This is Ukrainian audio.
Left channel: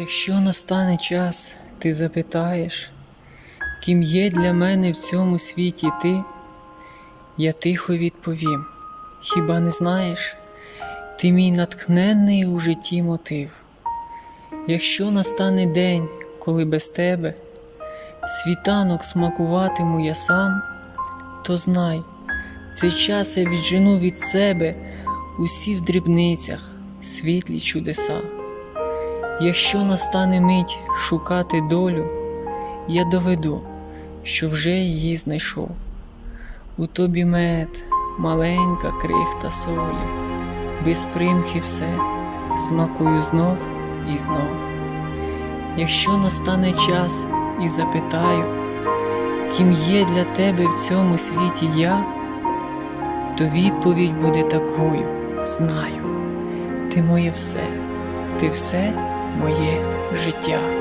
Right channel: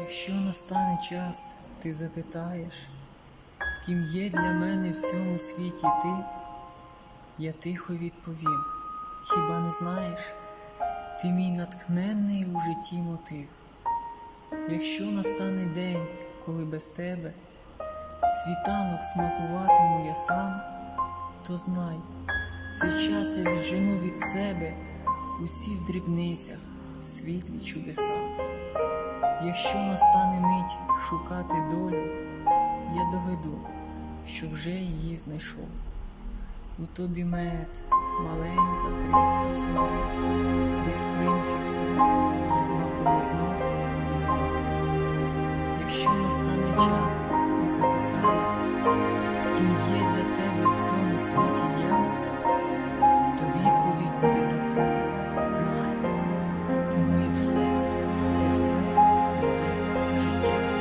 Якщо настане час, ти запитаєш, ким є для мене в цьому світі ти, я тихо відповім, хіба не знаєш, ти мій натхненний у житті мотив. Якщо настане день, коли без тебе світанок смакуватиму я сам, то знай, цей час я віджену від себе усі в дрібницях світлі чудеса. Якщо настане мить шукати долю, я доведу, що вже її знайшов. У тобі мед, маленька крихта солі, без примхи все, смакую знов і знов. Якщо настане час і запитаю, ким є для тебе в цьому світі я, то відповідь буде такою: знаю, ти моє все, ти все моє життя.